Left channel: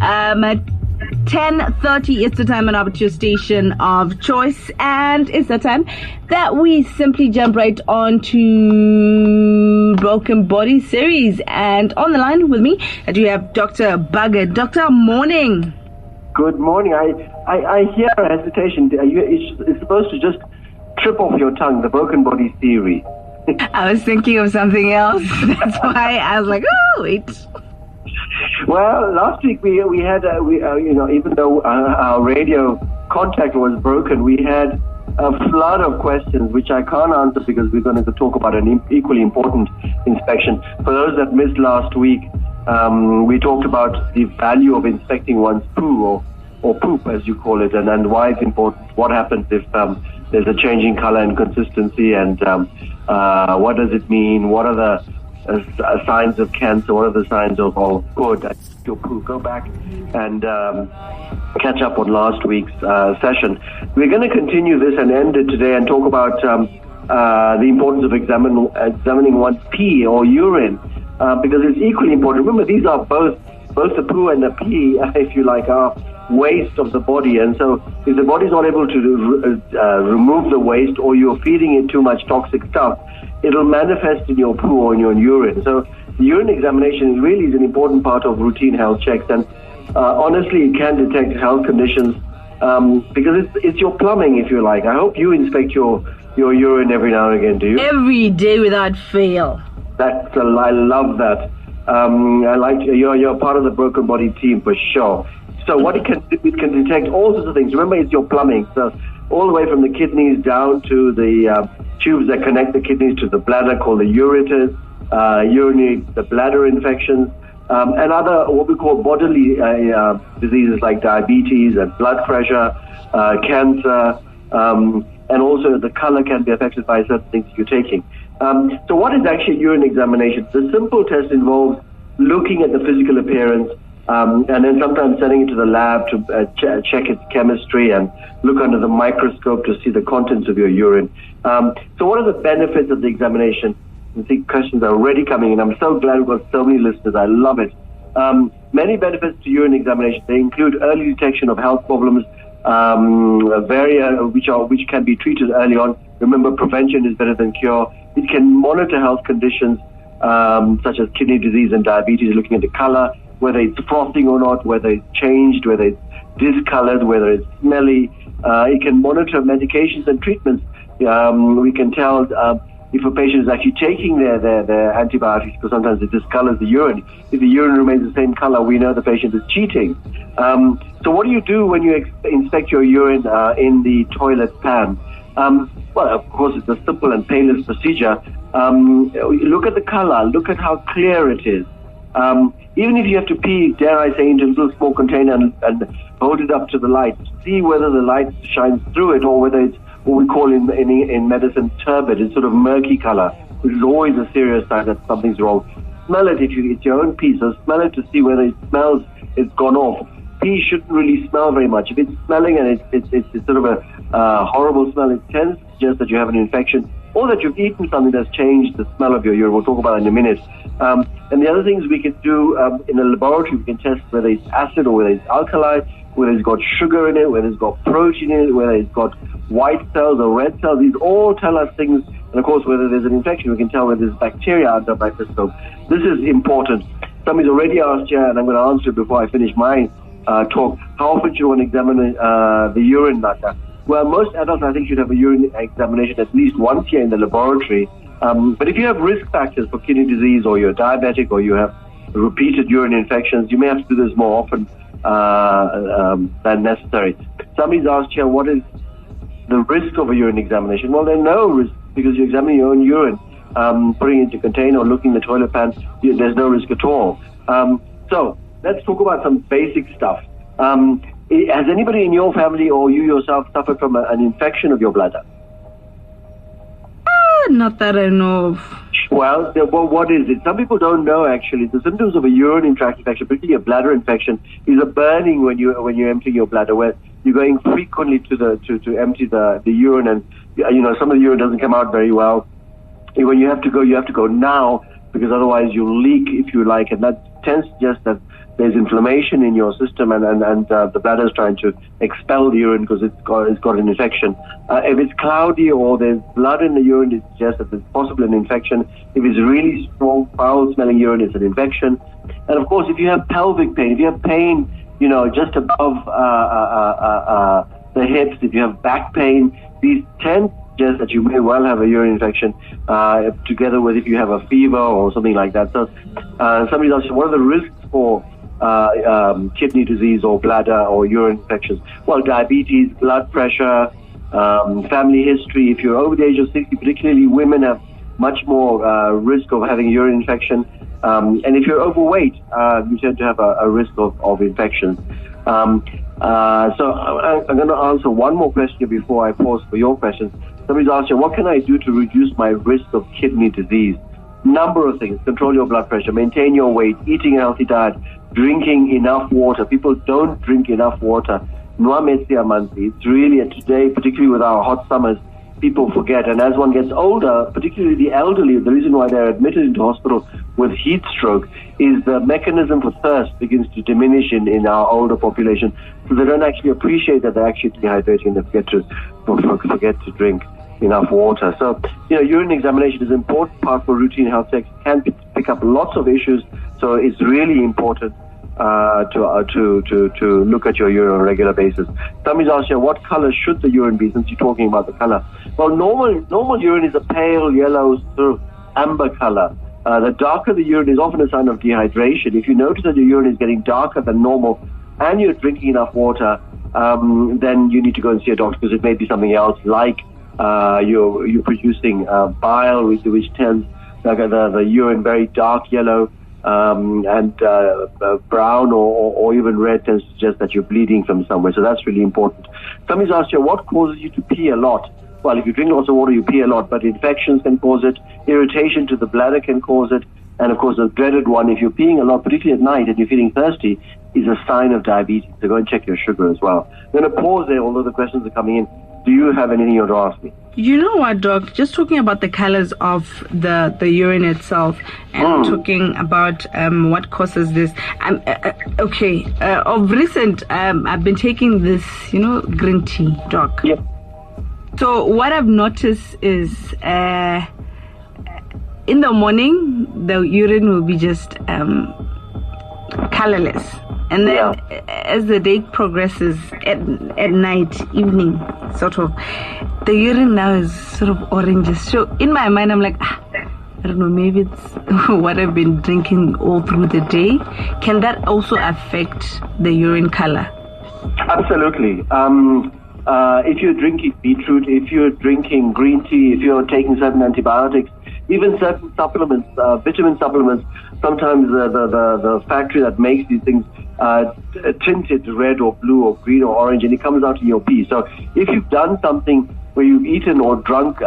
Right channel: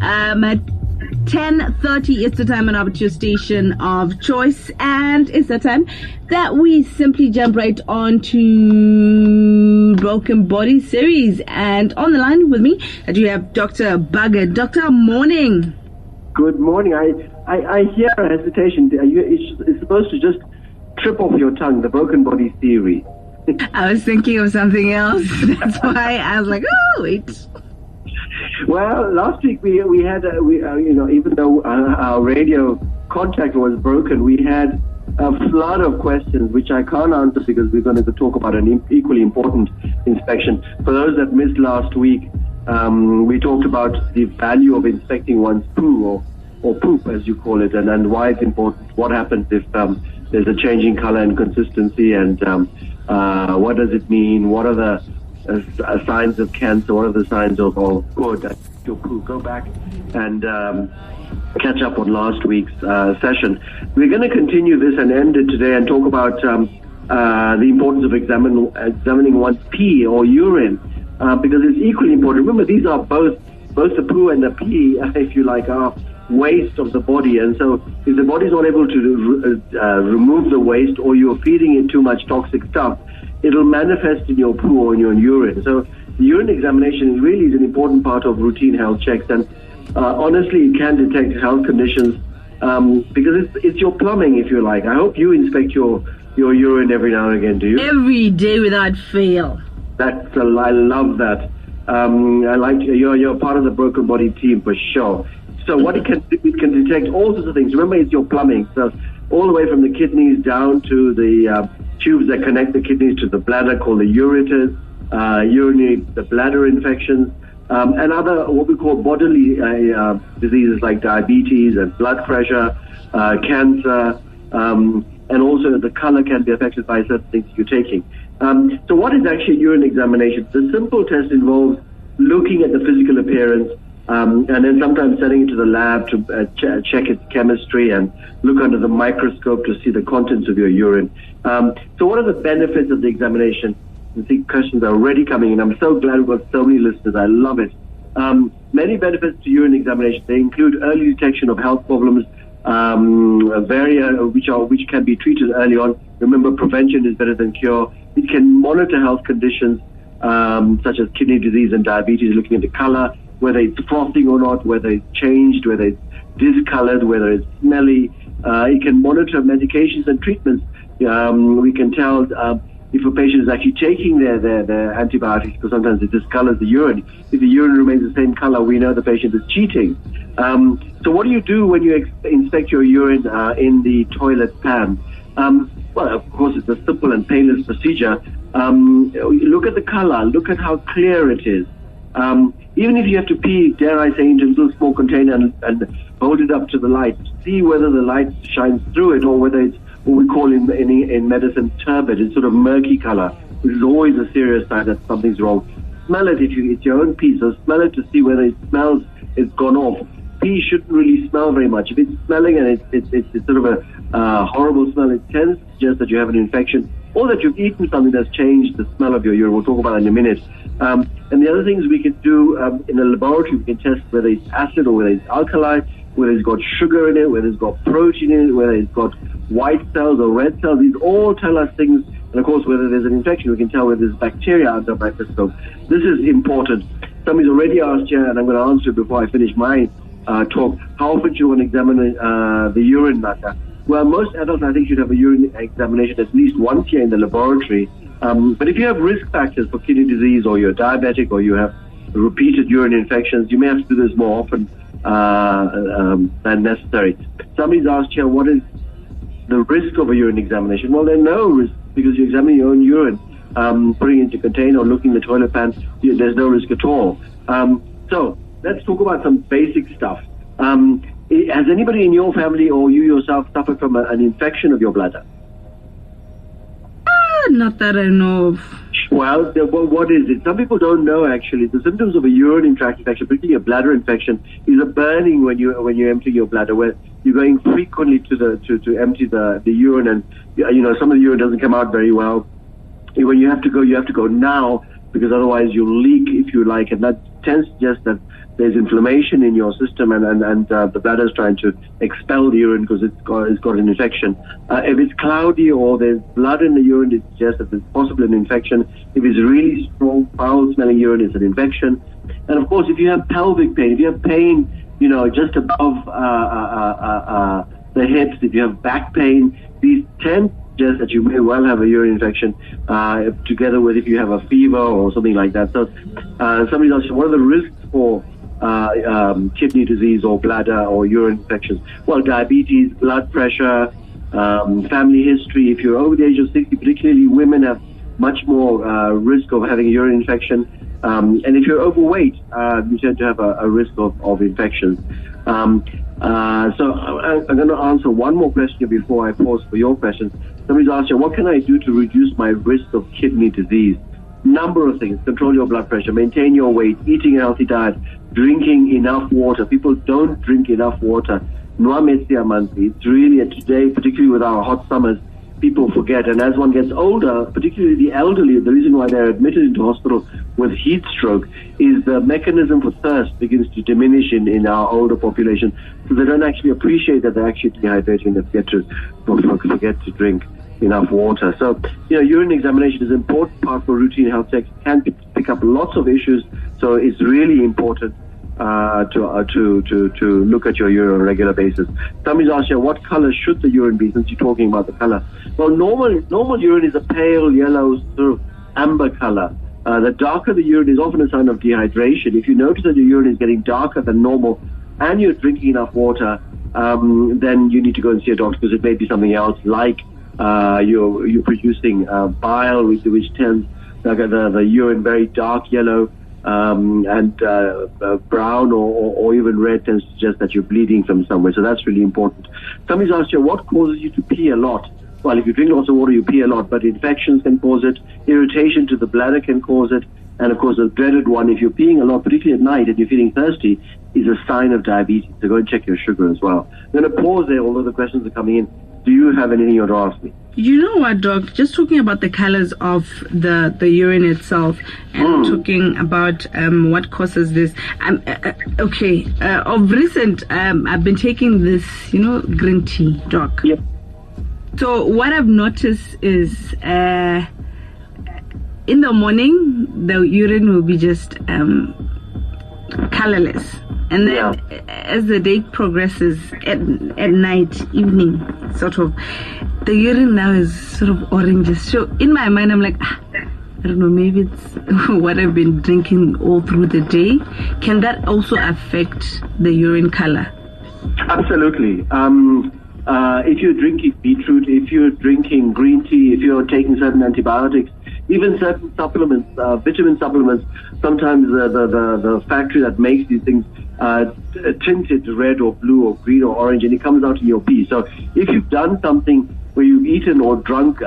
At 10:30 is the time at your station of choice, and it's the time that we simply jump right on to Broken Body series. And on the line with me, I do have Dr. Bugger. Doctor, morning. Good morning. I hear a hesitation. It's supposed to just trip off your tongue, the broken body theory. I was thinking of something else. That's why I was like, oh, wait. Well, last week we had even though our radio contact was broken, we had a flood of questions which I can't answer because we're going to talk about an equally important inspection. For those that missed last week, we talked about the value of inspecting one's poo or poop, as you call it, and why it's important. What happens if there's a change in color and consistency, and what does it mean? What are the signs of cancer? What are the signs of good your poo? Go back and catch up on last week's session. We're going to continue this and end it today and talk about the importance of examining one's pee or urine, because it's equally important. Remember, these are both the poo and the pee, if you like, are waste of the body, and so if the body's not able to remove the waste, or you're feeding it too much toxic stuff, it'll manifest in your poo or in your urine. So the urine examination really is an important part of routine health checks, and honestly, it can detect health conditions because it's your plumbing, if you like. I hope you inspect your urine every now and again. Do you? Every day without fail. I love that. I like you're part of the broken body team for sure. So what it can detect all sorts of things. Remember, it's your plumbing. So all the way from the kidneys down to the tubes that connect the kidneys to the bladder, called the ureters, the bladder infections, and other what we call bodily diseases like diabetes and blood pressure, cancer, and also the color can be affected by certain things you're taking. So what is actually urine examination? The simple test involves looking at the physical appearance, and then sometimes sending it to the lab to check its chemistry and look under the microscope to see the contents of your urine. So what are the benefits of the examination? I think questions are already coming in. I'm so glad we've got so many listeners. I love it. Many benefits to urine examination. They include early detection of health problems, which can be treated early on. Remember, prevention is better than cure. It can monitor health conditions such as kidney disease and diabetes, looking at the color, whether it's frothing or not, whether it's changed, whether it's discolored, whether it's smelly. It can monitor medications and treatments. We can tell if a patient is actually taking their antibiotics, because sometimes it discolors the urine. If the urine remains the same color, we know the patient is cheating. So what do you do when you inspect your urine in the toilet pan? Well, of course, it's a simple and painless procedure. Look at the color. Look at how clear it is. Even if you have to pee, dare I say, into a little small container and hold it up to the light, see whether the light shines through it or whether it's what we call in medicine turbid. It's sort of murky color. This is always a serious sign that something's wrong. Smell it if it's your own pee, so smell it to see whether it smells it's gone off. Pee shouldn't really smell very much. If it's smelling and it's sort of a horrible smell, it tends to suggest that you have an infection or that you've eaten something that's changed the smell of your urine. We'll talk about it in a minute. And the other things we can do in a laboratory, we can test whether it's acid or whether it's alkali, whether it's got sugar in it, whether it's got protein in it, whether it's got white cells or red cells. These all tell us things. And of course, whether there's an infection, we can tell whether there's bacteria under the microscope. This is important. Somebody's already asked here, and I'm going to answer it before I finish my talk. How often do you want to examine the urine matter? Well, most adults, I think, should have a urine examination at least once a year in the laboratory. But if you have risk factors for kidney disease, or you're diabetic, or you have repeated urine infections, you may have to do this more often than necessary. Somebody's asked here, what is the risk of a urine examination? Well, there's no risk because you're examining your own urine, putting it into a container or looking in the toilet pan. There's no risk at all. So let's talk about some basic stuff. Has anybody in your family or you yourself suffered from an infection of your bladder? Not that I know of. Well, what is it? Some people don't know, actually. The symptoms of a urinary tract infection, particularly a bladder infection, is a burning when you empty your bladder, where you're going frequently to empty the urine, and some of the urine doesn't come out very well. When you have to go now, because otherwise you'll leak, if you like, and that tends to suggest that there's inflammation in your system and the bladder is trying to expel the urine because it's got an infection. If it's cloudy or there's blood in the urine, it suggests that there's possibly an infection. If it's really strong, foul-smelling urine, it's an infection. And of course, if you have pelvic pain, if you have pain, just above the hips, if you have back pain, these tend to suggest that you may well have a urine infection, together with if you have a fever or something like that. So somebody asks, what are the risks for kidney disease or bladder or urine infections? Well, diabetes, blood pressure, family history. If you're over the age of 60, particularly women have much more risk of having a urine infection. And if you're overweight, you tend to have a risk of infections. So I'm going to answer one more question before I pause for your questions. Somebody's asked you, what can I do to reduce my risk of kidney disease? Number of things. Control your blood pressure, maintain your weight, eating a healthy diet, drinking enough water. People don't drink enough water. It's really, today, particularly with our hot summers, people forget. And as one gets older, particularly the elderly, the reason why they're admitted into hospital with heat stroke is the mechanism for thirst begins to diminish in our older population. So they don't actually appreciate that they're actually dehydrating and forget to drink enough water. So, urine examination is an important part for routine health checks. It can pick up lots of issues. So it's really important to look at your urine on a regular basis. Somebody's asked you, what color should the urine be, since you're talking about the color? Well, normal urine is a pale yellow, sort of amber color. The darker the urine is often a sign of dehydration. If you notice that your urine is getting darker than normal and you're drinking enough water, then you need to go and see a doctor, because it may be something else, like you're producing bile, which turns the urine very dark yellow, and brown or even red tends to suggest that you're bleeding from somewhere. So that's really important. Somebody's asked you, what causes you to pee a lot? Well, if you drink lots of water, you pee a lot, but infections can cause it, irritation to the bladder can cause it, and of course the dreaded one, if you're peeing a lot, particularly at night, and you're feeling thirsty, is a sign of diabetes. So go and check your sugar as well. I'm going to pause there, although the questions are coming in. Do you have anything you want to ask me? You know what, Doc? Just talking about the colors of the urine itself, and talking about what causes this. Of recent, I've been taking this, green tea, Doc. Yep. So what I've noticed is, in the morning, the urine will be just colorless. And then as the day progresses, at night, evening, sort of, the urine now is sort of orangish. So in my mind, I'm like, I don't know, maybe it's what I've been drinking all through the day. Can that also affect the urine color? Absolutely. If you're drinking beetroot, if you're drinking green tea, if you're taking certain antibiotics, even certain supplements, vitamin supplements, sometimes the factory that makes these things tint it red or blue or green or orange, and it comes out in your pee. So if you've done something where you've eaten or drunk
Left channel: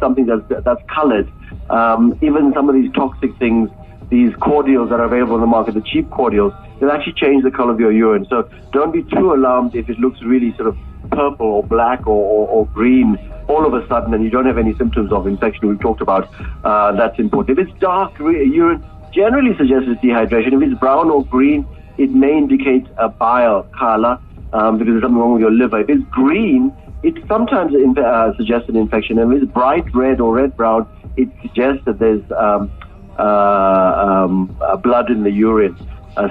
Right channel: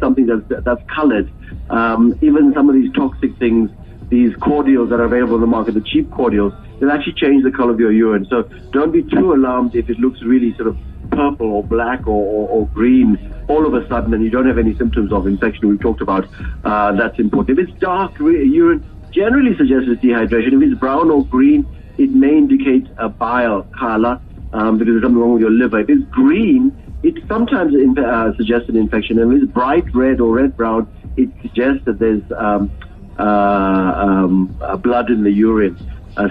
something that's colored, even some of these toxic things, these cordials that are available on the market, the cheap cordials, they'll actually change the color of your urine. So don't be too alarmed if it looks really sort of purple or black or green all of a sudden and you don't have any symptoms of infection we've talked about. That's important. If it's dark urine, generally suggests it's dehydration. If it's brown or green, it may indicate a bile color, because there's something wrong with your liver. If it's green, it sometimes suggests an infection. And if it's bright red or red-brown, it suggests that there's blood in the urine.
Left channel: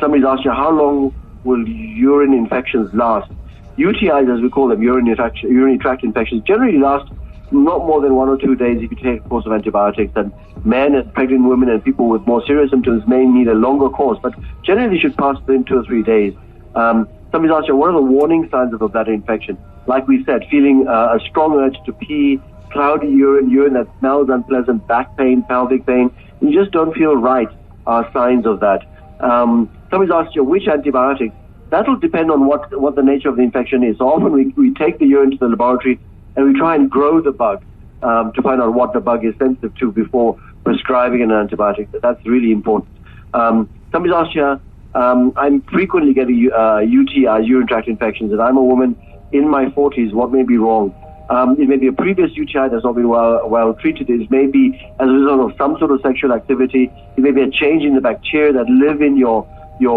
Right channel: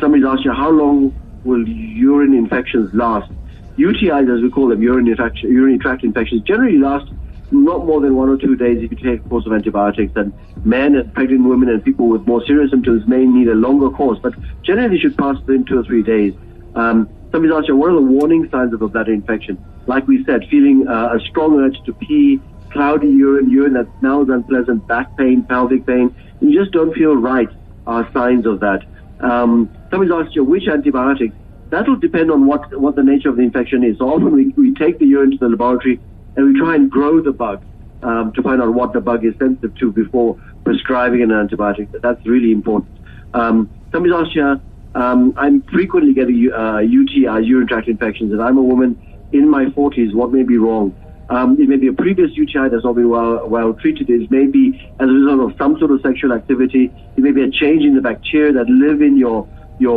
Somebody's asked you, how long will urine infections last? UTIs, as we call them, urinary tract infections, generally last not more than 1 or 2 days if you take a course of antibiotics. And men and pregnant women and people with more serious symptoms may need a longer course, but generally should pass within 2 or 3 days. Somebody's asked you, what are the warning signs of a bladder infection? Like we said, feeling a strong urge to pee, cloudy urine that smells unpleasant, back pain, pelvic pain, you just don't feel right, are signs of that. Somebody's asked you, which antibiotics? That'll depend on what the nature of the infection is. So often we take the urine to the laboratory and we try and grow the bug to find out what the bug is sensitive to before prescribing an antibiotic. That's really important. Somebody's asked you, I'm frequently getting UTIs, urine tract infections, and I'm a woman in my 40s. What may be wrong? It may be a previous UTI that's not been well treated. It may be as a result of some sort of sexual activity. It may be a change in the bacteria that live in your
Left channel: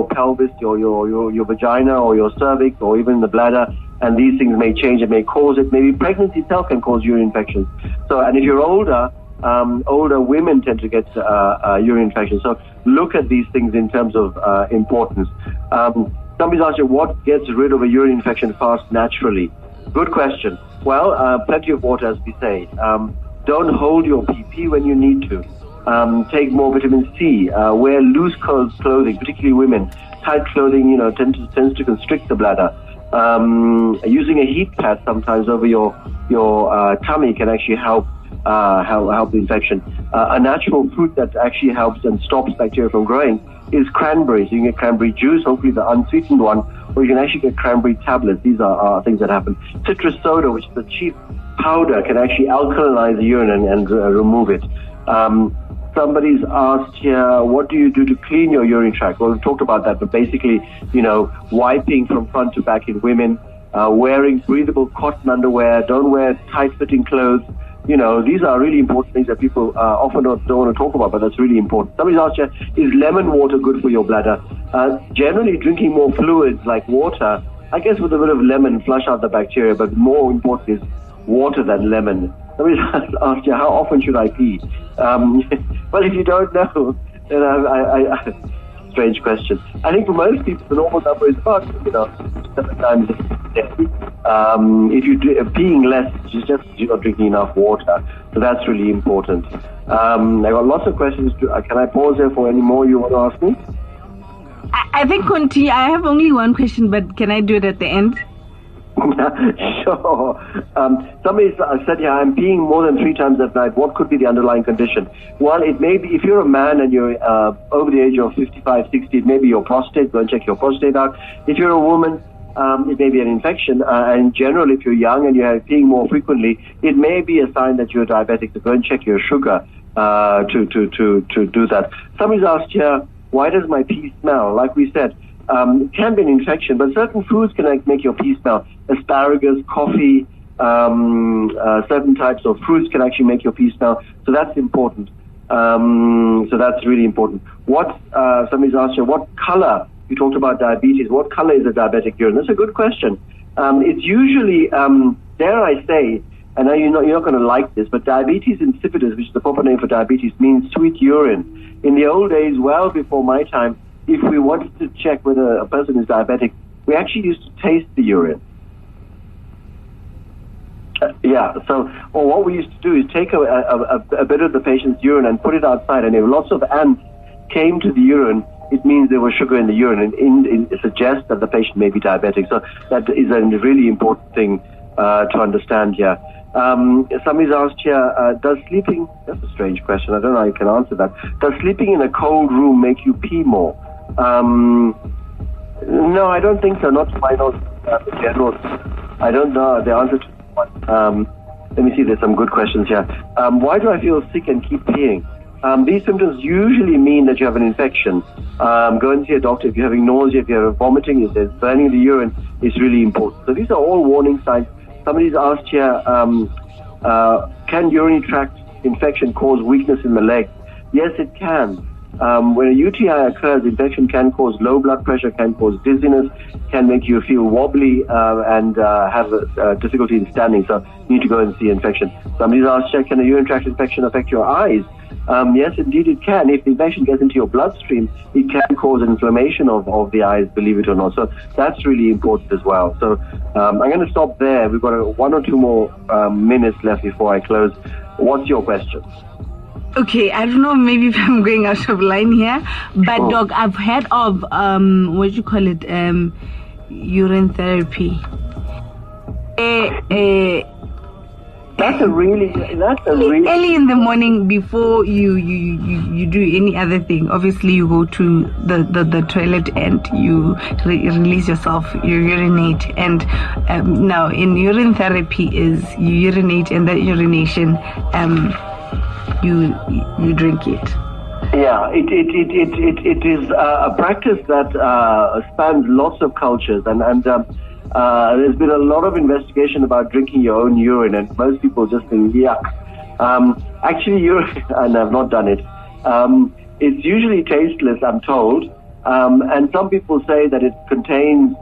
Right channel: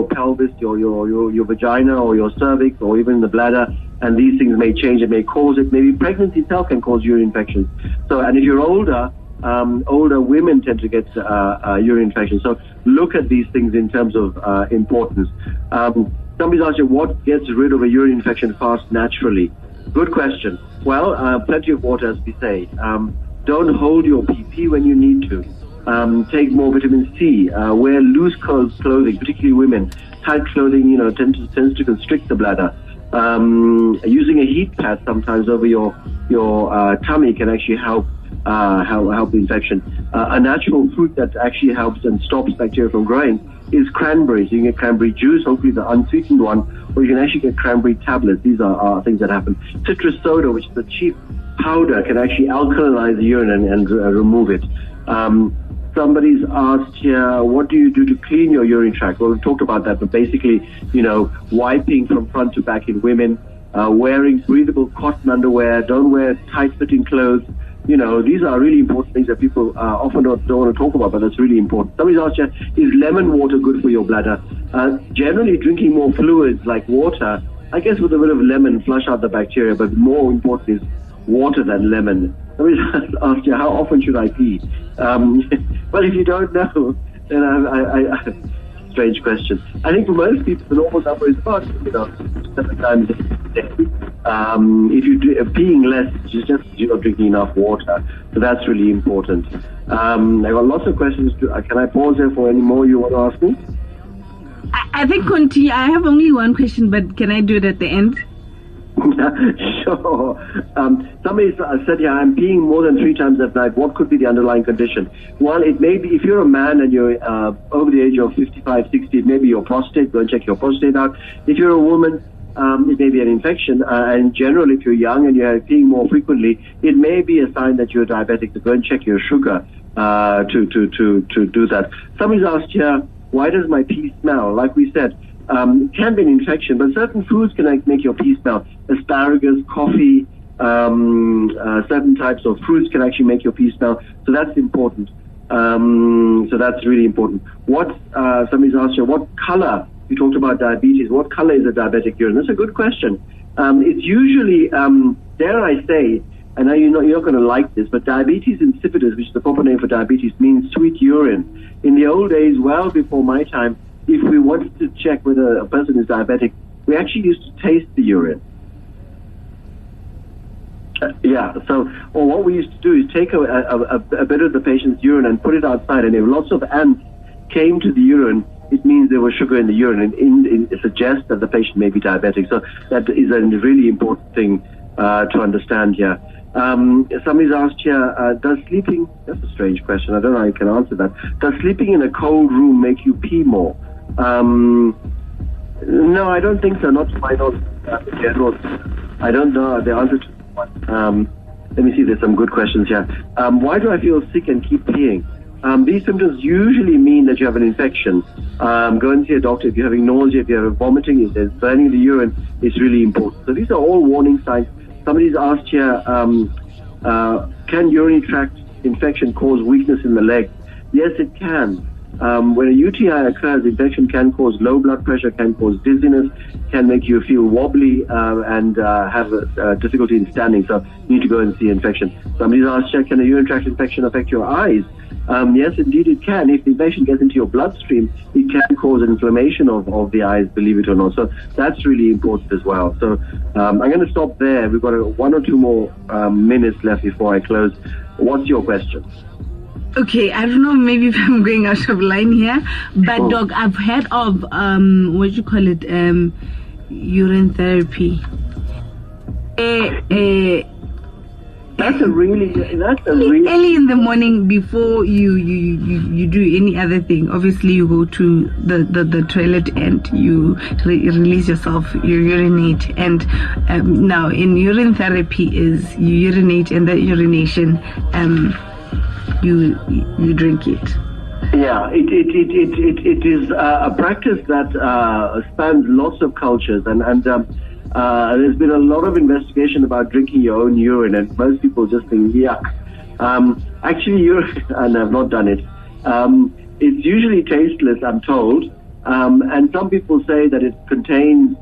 pelvis, your vagina, or your cervix, or even the bladder. And these things may change. It may cause it. Maybe pregnancy itself can cause urine infections. So, and if you're older women tend to get urine infections. So look at these things in terms of importance. Somebody's asked you, what gets rid of a urine infection fast naturally? Good question. Well, plenty of water, as we say. Don't hold your PP when you need to. Take more vitamin C. Wear loose clothing, particularly women. Tight clothing, tends to constrict the bladder. Using a heat pad sometimes over your tummy can actually help the infection. A natural fruit that actually helps and stops bacteria from growing is cranberries. You can get cranberry juice, hopefully the unsweetened one, or you can actually get cranberry tablets. These are things that happen. Citrus soda, which is a cheap powder, can actually alkalinize the urine and remove it. Somebody's asked here, what do you do to clean your urine tract? Well, we talked about that, but basically, wiping from front to back in women, wearing breathable cotton underwear, don't wear tight-fitting clothes. These are really important things that people often don't want to talk about, but that's really important. Somebody's asked you, is lemon water good for your bladder? Generally, drinking more fluids like water, I guess with a bit of lemon, flush out the bacteria, but more important is water than lemon. Somebody's asked you, how often should I pee? Well, if you don't know, then I strange question. I think for most people, the normal number is about, 7 times a day. If you're peeing less, you're not drinking enough water. So that's really important. I got lots of questions. Can I pause there for any more you want to ask me? I think continue. I have only one question, but can I do it at the end? Sure. Somebody said, I'm peeing more than 3 times at night. What could be the underlying condition? Well, it may be, if you're a man and you're over the age of 55, 60, it may be your prostate. Go and check your prostate out. If you're a woman, it may be an infection. And in general, if you're young and you're peeing more frequently, it may be a sign that you're diabetic. So go and check your sugar to do that. Somebody's asked here, why does my pee smell? Like we said, it can be an infection, but certain foods can make your pee smell. Asparagus, coffee, certain types of fruits can actually make your pee smell. So that's important. So that's really important. Somebody's asked you, what color? You talked about diabetes. What color is a diabetic urine? That's a good question. It's usually, dare I say, and you're not going to like this, but diabetes insipidus, which is the proper name for diabetes, means sweet urine. In the old days, well before my time, if we wanted to check whether a person is diabetic, we actually used to taste the urine. Or what we used to do is take a bit of the patient's urine and put it outside, and if lots of ants came to the urine, it means there was sugar in the urine, and it suggests that the patient may be diabetic. So that is a really important thing to understand here. Somebody's asked here, that's a strange question, I don't know how you can answer that. Does sleeping in a cold room make you pee more? No, I don't think so, not to my knowledge in general. I don't know the answer to one. Let me see, there's some good questions here. Why do I feel sick and keep peeing? These symptoms usually mean that you have an infection. Go and see a doctor. If you're having nausea, if you're vomiting, if there's burning in the urine, it's really important. So these are all warning signs. Somebody's asked here, can urinary tract infection cause weakness in the legs? Yes, it can. When a UTI occurs, infection can cause low blood pressure, can cause dizziness, can make you feel wobbly and have difficulty in standing. So you need to go and see infection. Somebody's asked, can a urinary tract infection affect your eyes? Yes, indeed it can. If the infection gets into your bloodstream, it can cause inflammation of the eyes, believe it or not. So that's really important as well. So I'm going to stop there. We've got 1 or 2 more minutes left before I close. What's your question? Okay, I don't know, maybe if I'm going out of line here, but Doc, I've heard of urine therapy. That's a really early in the morning before you do any other thing. Obviously, you go to the toilet and you release yourself, you urinate. And now in urine therapy is you urinate, and that urination you drink it. Yeah, it is a practice that spans lots of cultures, and There's been a lot of investigation about drinking your own urine, and most people just think, yuck. Actually, urine, and I've not done it. It's usually tasteless, I'm told, and some people say that it contains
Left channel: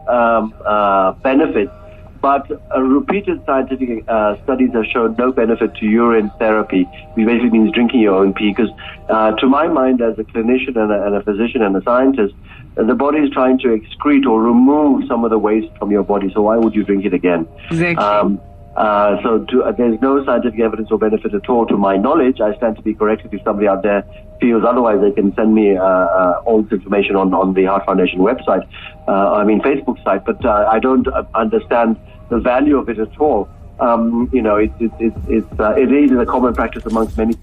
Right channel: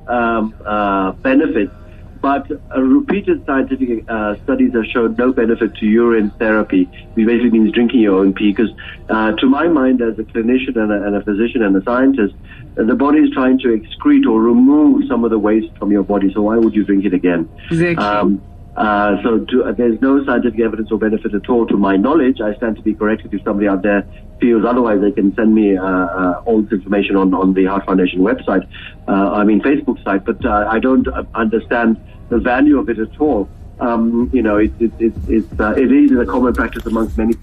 benefits, but repeated scientific studies have shown no benefit to urine therapy, which basically means drinking your own pee, because to my mind, as a clinician and a physician and a scientist, the body is trying to excrete or remove some of the waste from your body, so why would you drink it again? Exactly. There's no scientific evidence or benefit at all to my knowledge. I stand to be corrected if somebody out there feels otherwise. They can send me all this information on the Heart Foundation website, Facebook site, but I don't understand the value of it at all. It is a common practice amongst many.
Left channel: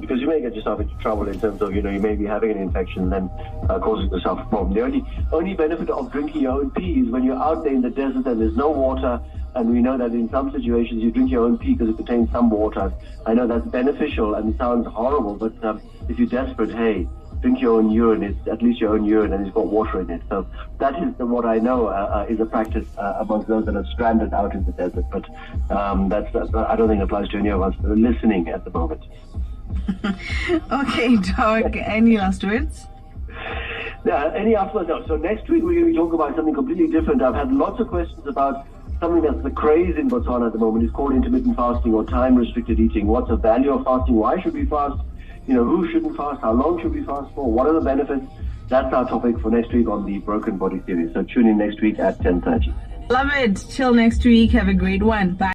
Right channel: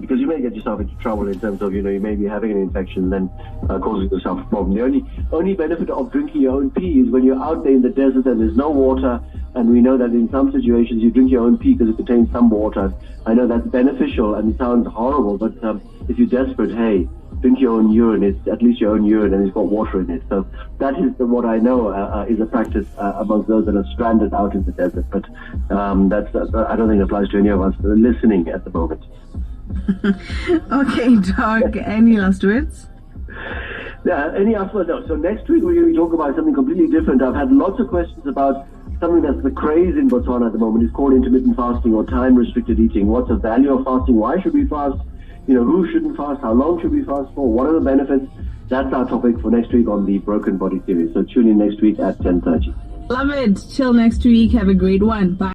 Because you may get yourself into trouble in terms of, you may be having an infection and then causing yourself a problem. The only benefit of drinking your own pee is when you're out there in the desert and there's no water, and we know that in some situations you drink your own pee because it contains some water. I know that's beneficial and it sounds horrible, but if you're desperate, hey, drink your own urine. It's at least your own urine and it's got water in it. So that is what I know is a practice amongst those that are stranded out in the desert. But I don't think it applies to any of us listening at the moment. Okay, Doc, any last words? Yeah, any after? No. So next week we're going to talk about something completely different. I've had lots of questions about something that's the craze in Botswana at the moment. It's called intermittent fasting or time-restricted eating. What's the value of fasting? Why should we fast? Who shouldn't fast? How long should we fast for? What are the benefits? That's our topic for next week on the Broken Body series. So tune in next week at 10:30. Love it. Till next week. Have a great one. Bye.